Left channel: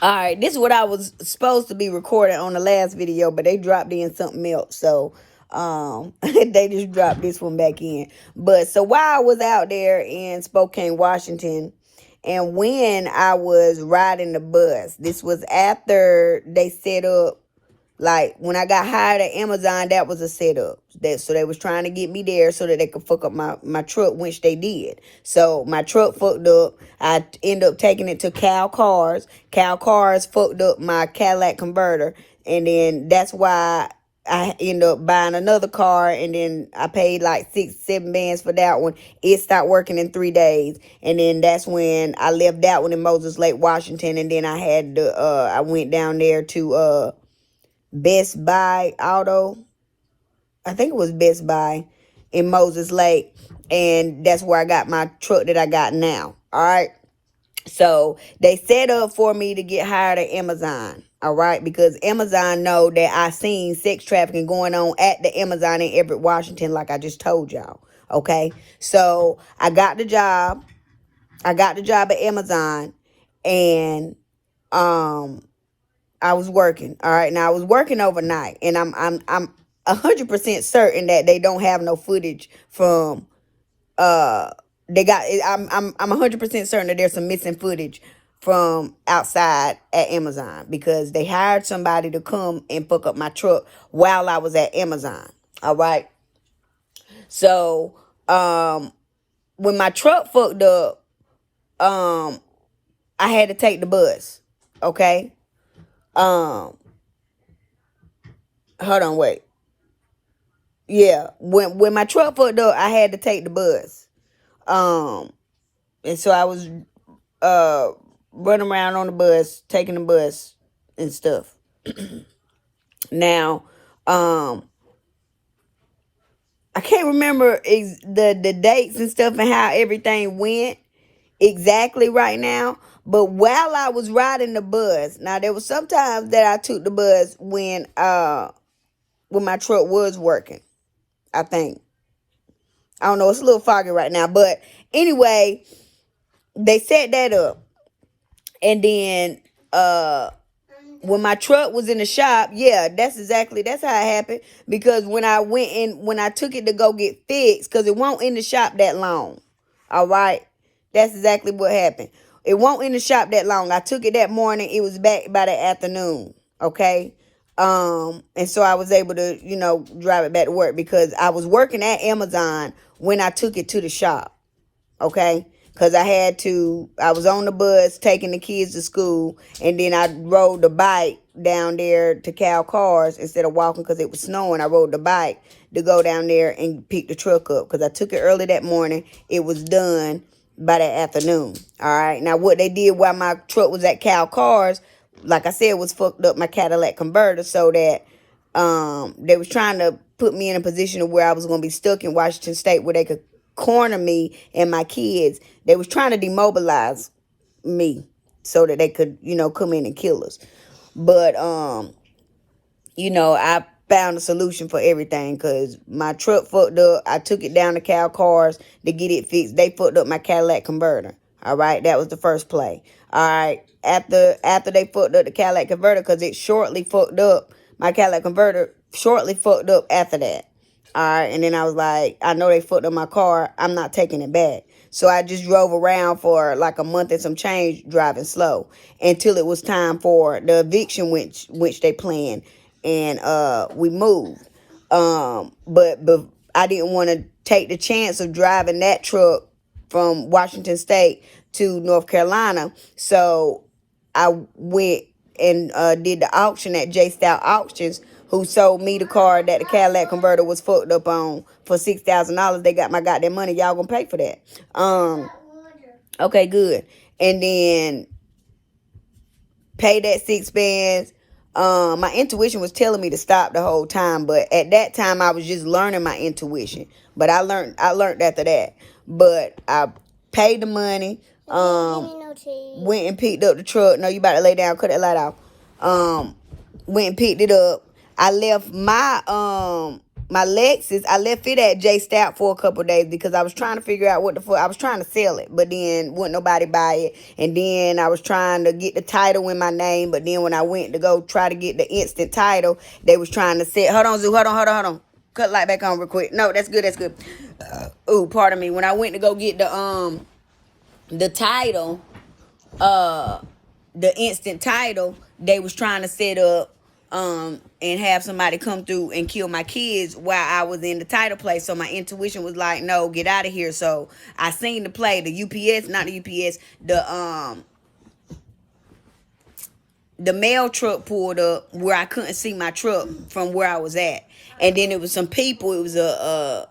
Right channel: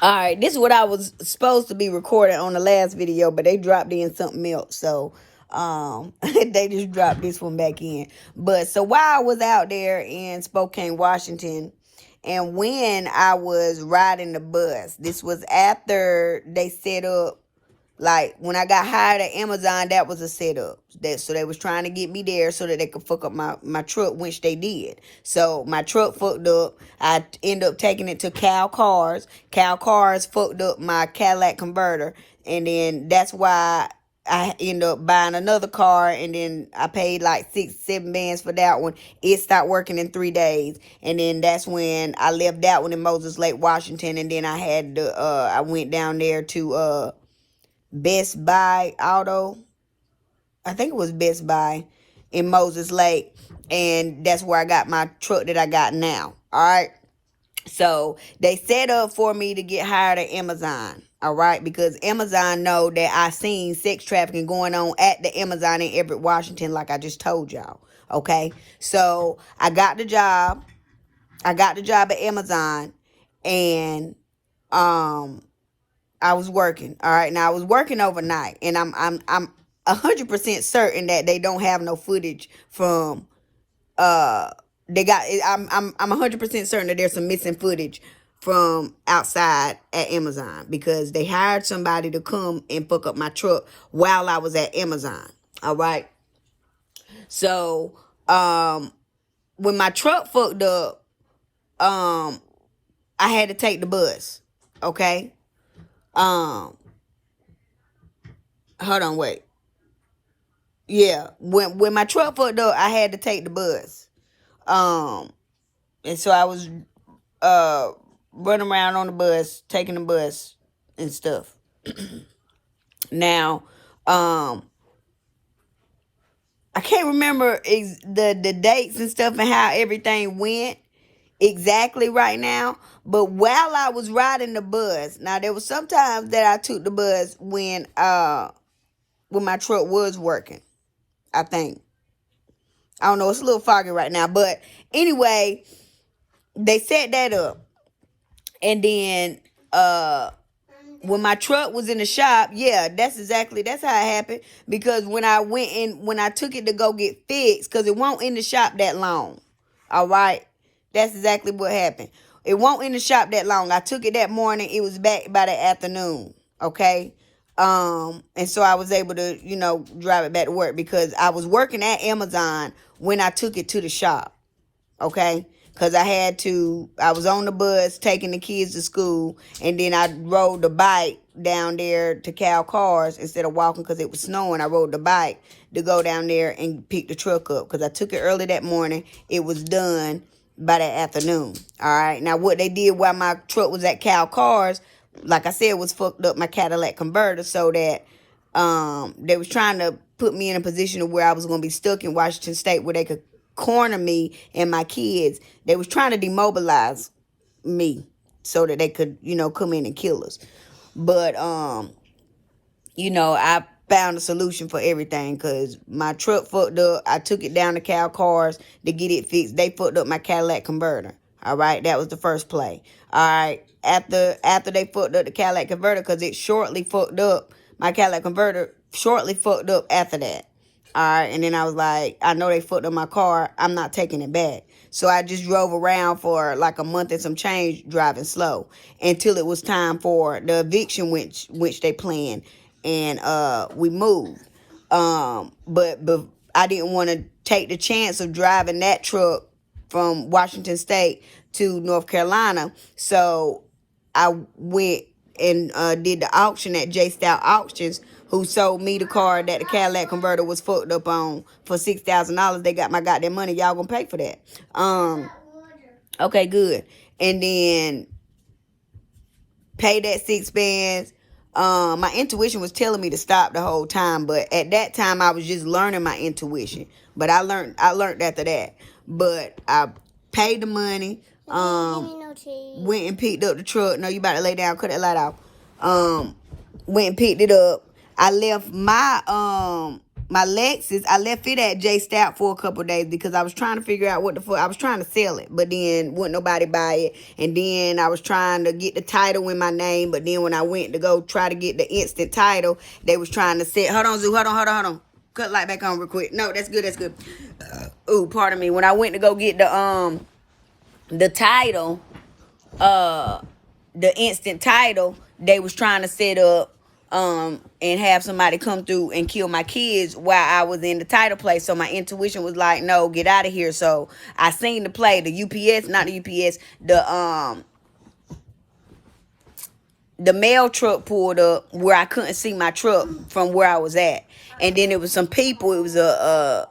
All right, this is what I was supposed to be recording on the last video, but they dropped in something else. So they just dropped this one back in. But so while I was out there in Spokane, Washington, and when I was riding the bus, this was after they set up, like when I got hired at Amazon, that was a setup. So they was trying to get me there so that they could fuck up my truck, which they did. So my truck fucked up. I ended up taking it to Cal Cars. Cal Cars fucked up my Cadillac converter. And then that's why I ended up buying another car, and then I paid like $6-7 for that one. It stopped working in 3 days. And then that's when I left that one in Moses Lake, Washington. And then I had to I went down there to Best Buy Auto. I think it was Best Buy in Moses Lake. And that's where I got my truck that I got now. All right. So they set up for me to get hired at Amazon. All right. Because Amazon know that I seen sex trafficking going on at the Amazon in Everett, Washington, like I just told y'all. Okay. So I got the job. I got the job at Amazon, and I was working. All right. Now I was working overnight, and I'm 100% certain that they don't have no footage from they got I'm 100% certain that there's some missing footage from outside at Amazon, because they hired somebody to come and fuck up my truck while I was at Amazon. All right. So when my truck fucked up, I had to take the bus. Okay. Hold on, wait. Yeah, when my truck fucked up, I had to take the bus. And so I was running around on the bus, taking the bus and stuff. Now, I can't remember the dates and stuff and how everything went exactly right now. But while I was riding the bus, now there was sometimes that I took the bus when my truck was working. I think. I don't know. It's a little foggy right now. But anyway, they set that up. And then when my truck was in the shop, yeah, that's how it happened. Because when I took it to go get fixed, because it won't in the shop that long. All right. That's exactly what happened. It won't in the shop that long. I took it that morning. It was back by the afternoon. Okay. And so I was able to, drive it back to work, because I was working at Amazon when I took it to the shop. Okay. Because I was on the bus taking the kids to school, and then I rode the bike down there to Cal Cars instead of walking because it was snowing. I rode the bike to go down there and pick the truck up, because I took it early that morning. It was done by that afternoon. All right. Now, what they did while my truck was at Cal Cars, like I said, was fucked up my Cadillac converter, so that they was trying to put me in a position of where I was going to be stuck in Washington State, where they could corner me and my kids. They was trying to demobilize me so that they could, come in and kill us. But, I found a solution for everything, because my truck fucked up. I took it down to Cal Cars to get it fixed. They fucked up my Cadillac converter. All right. That was the first play. All right. After they fucked up the Cadillac converter, because it shortly fucked up, my Cadillac converter shortly fucked up after that. All right. And then I was like, I know they fucked up my car. I'm not taking it back. So I just drove around for like a month and some change, driving slow, until it was time for the eviction, which they planned. And we moved. But I didn't want to take the chance of driving that truck from Washington State to North Carolina. So I went and did the auction at J Style Auctions, who sold me the car that the Cadillac converter was fucked up on for $6,000. They got my goddamn money. Y'all gonna pay for that. Okay, good. And then pay that $6. My intuition was telling me to stop the whole time, but at that time I was just learning my intuition. But I learned after that. But I paid the money. Went and picked up the truck. No, you about to lay down. Cut that light off. Went and picked it up. I left my my Lexus, I left it at J Stout for a couple of days because I was trying to figure out what the fuck. I was trying to sell it, but then wouldn't nobody buy it. And then I was trying to get the title in my name, but then when I went to go try to get the instant title, they was trying to sell. Hold on, Zoo. Hold on. Cut light back on real quick. No, that's good. Pardon me. When I went to go get the title, the instant title, they was trying to set up and have somebody come through and kill my kids while I was in the title place. So my intuition was like, no, get out of here. So I seen the play, the UPS, not the UPS, the mail truck pulled up where I couldn't see my truck from where I was at. And then it was some people. It was a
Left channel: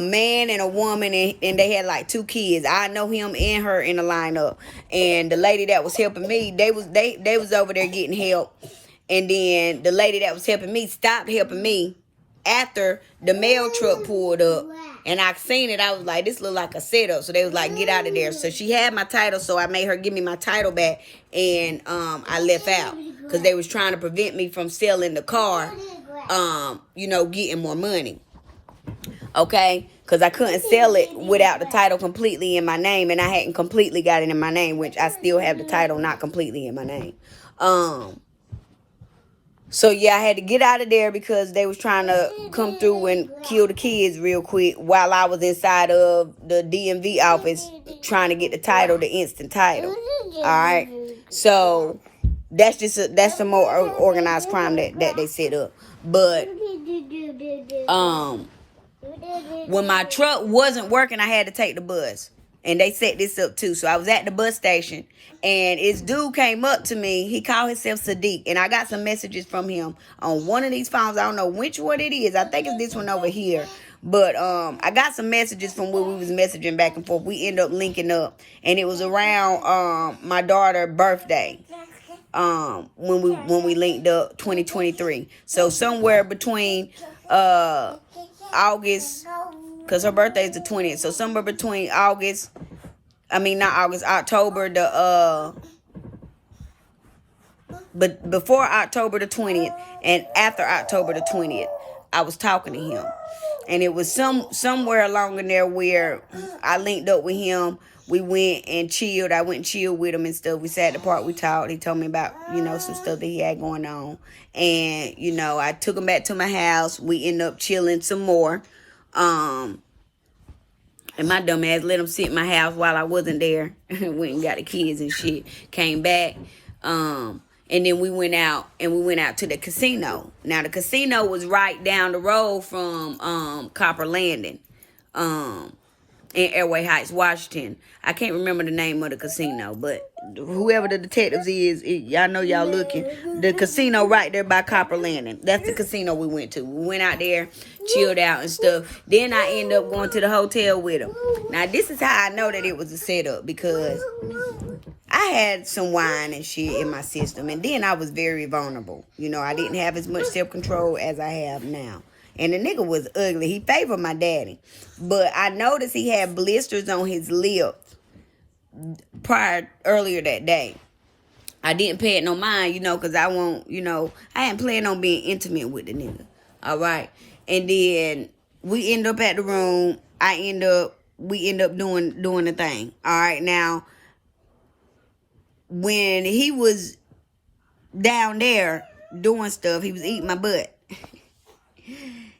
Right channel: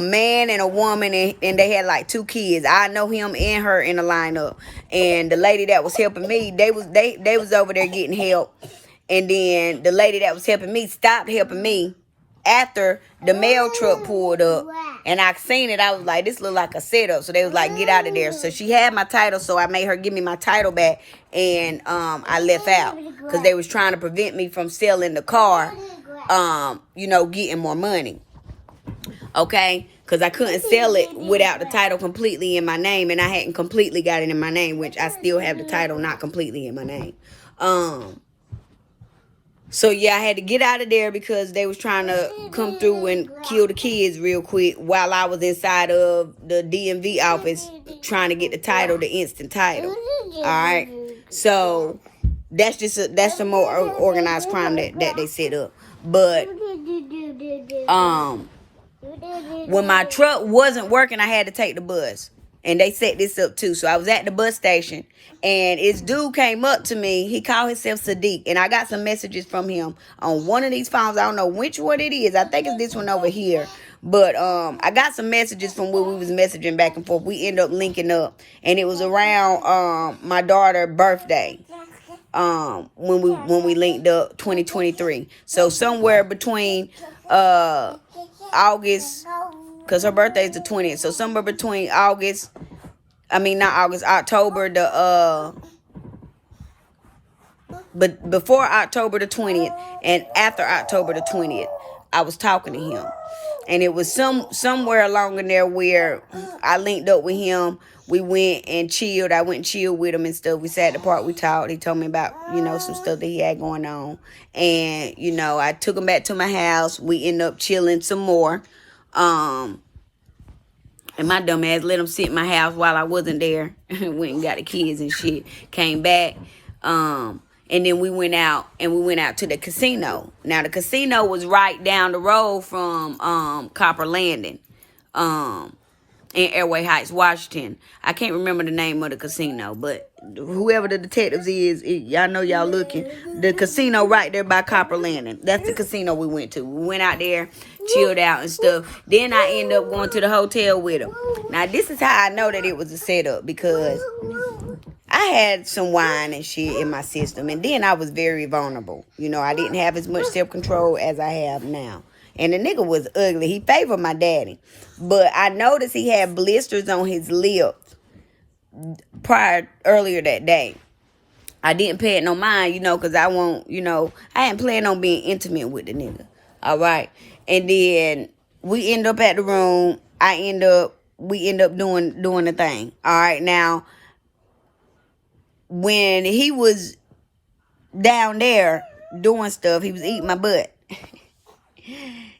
man and a woman, and they had like 2 kids. I know him and her in the lineup. And the lady that was helping me, they was over there getting help. And then the lady that was helping me stopped helping me after the mail truck pulled up. And I seen it. I was like, this look like a setup. So they was like, get out of there. So she had my title. So I made her give me my title back. And I left out because they was trying to prevent me from selling the car, getting more money. Okay? Because I couldn't sell it without the title completely in my name. And I hadn't completely got it in my name, which I still have the title not completely in my name. So, yeah, I had to get out of there because they was trying to come through and kill the kids real quick while I was inside of the DMV office trying to get the title, the instant title. All right. So, that's some more organized crime that they set up. But, when my truck wasn't working, I had to take the bus. And they set this up too. So I was at the bus station. And this dude came up to me. He called himself Sadiq. And I got some messages from him on one of these phones. I don't know which one it is. I think it's this one over here. But I got some messages from where we was messaging back and forth. We ended up linking up. And it was around my daughter's birthday. When we linked up 2023. So somewhere between August, because her birthday is the 20th. So somewhere between October but before October the 20th and after October the 20th, I was talking to him. And it was somewhere along in there where I linked up with him. We went and chilled. I went and chilled with him and stuff. We sat at the park. We talked. He told me about, some stuff that he had going on. And, I took him back to my house. We ended up chilling some more. And my dumb ass let him sit in my house while I wasn't there. Went and got the kids and shit. Came back. And then we went out to the casino. Now, the casino was right down the road from Copper Landing. In Airway Heights, Washington. I can't remember the name of the casino, but whoever the detectives is, y'all know y'all looking. The casino right there by Copper Landing. That's the casino we went to. We went out there, chilled out and stuff. Then I ended up going to the hotel with him. Now, this is how I know that it was a setup, because I had some wine and shit in my system, and then I was very vulnerable. I didn't have as much self-control as I have now. And the nigga was ugly. He favored my daddy. But I noticed he had blisters on his lips earlier that day. I didn't pay it no mind, because I hadn't planned on being intimate with the nigga. All right. And then we end up at the room. We end up doing the thing. All right. Now, when he was down there doing stuff, he was eating my butt.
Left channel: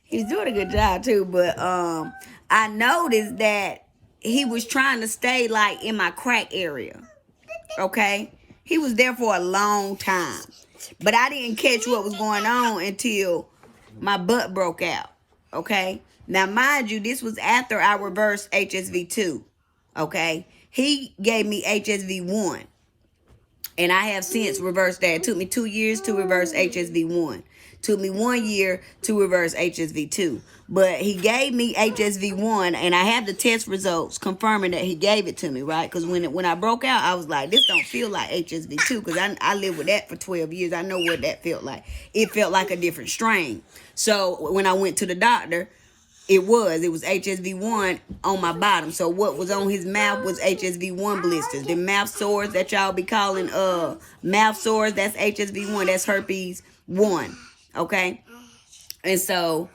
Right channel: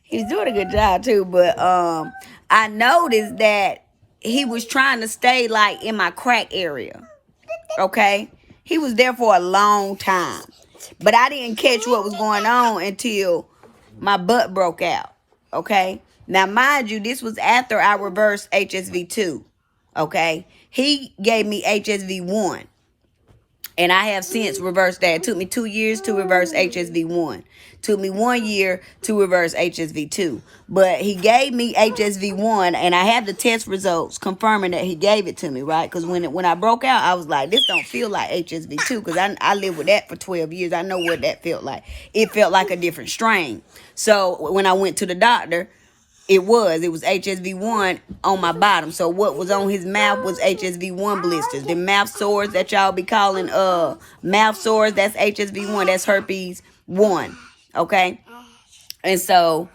He's doing a good job too, but I noticed that he was trying to stay like in my crack area. Okay? He was there for a long time. But I didn't catch what was going on until my butt broke out. Okay? Now, mind you, this was after I reversed HSV2. Okay? He gave me HSV1. And I have since reversed that. It took me 2 years to reverse HSV1. Took me 1 year to reverse HSV2. But he gave me HSV1, and I have the test results confirming that he gave it to me, right? Because when I broke out, I was like, this don't feel like HSV2, because I lived with that for 12 years. I know what that felt like. It felt like a different strain. So when I went to the doctor, it was HSV1 on my bottom. So what was on his mouth was HSV1 blisters. The mouth sores that y'all be calling mouth sores, that's HSV1. That's herpes 1. Okay? And so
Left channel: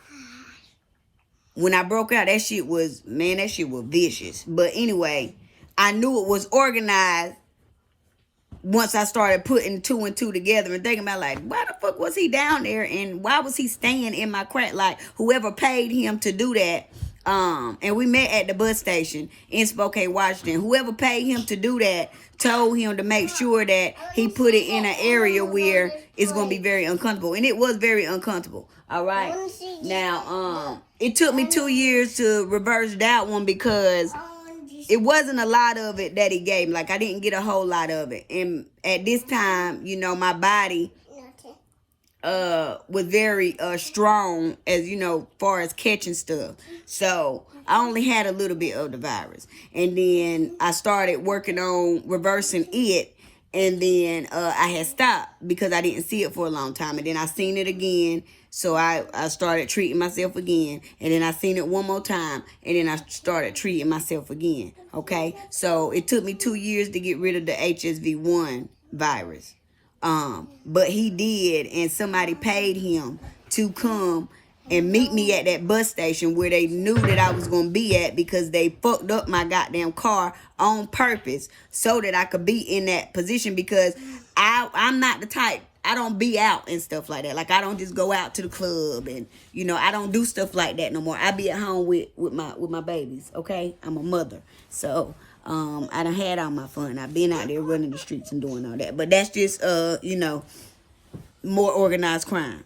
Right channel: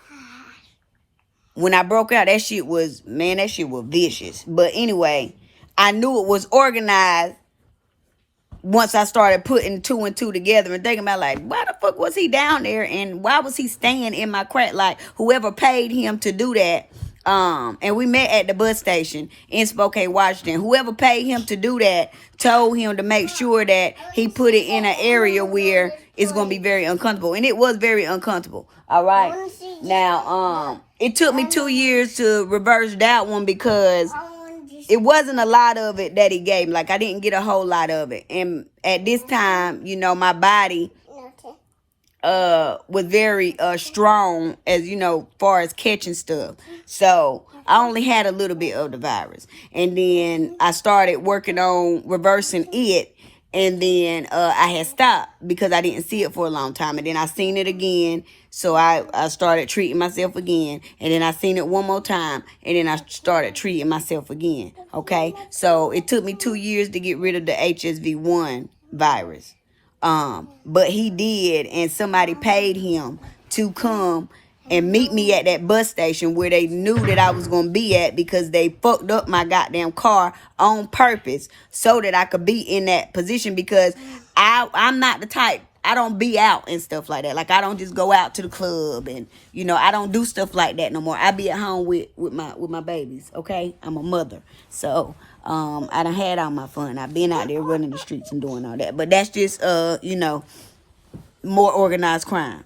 when I broke out, that shit was vicious. But anyway, I knew it was organized once I started putting two and two together and thinking about, like, why the fuck was he down there and why was he staying in my crack? Like, whoever paid him to do that, and we met at the bus station in Spokane, Washington. Whoever paid him to do that told him to make sure that he put it in an area where it's gonna be very uncomfortable, and it was very uncomfortable. All right. Now, it took me 2 years to reverse that one because it wasn't a lot of it that he gave me. Like, I didn't get a whole lot of it. And at this time, you know, my body was very strong, as you know, far as catching stuff. So I only had a little bit of the virus. And then I started working on reversing it. And then I had stopped because I didn't see it for a long time. And then I seen it again. So I started treating myself again. And then I seen it one more time. And then I started treating myself again. Okay? So it took me 2 years to get rid of the HSV-1 virus. But he did. And somebody paid him to come and meet me at that bus station where they knew that I was going to be at, because they fucked up my goddamn car on purpose so that I could be in that position, because I'm not the type, I don't be out and stuff like that. Like, I don't just go out to the club and, you know, I don't do stuff like that no more. I be at home with my babies, okay? I'm a mother. So, I done had all my fun. I've been out there running the streets and doing all that. But that's just, you know, more organized crime.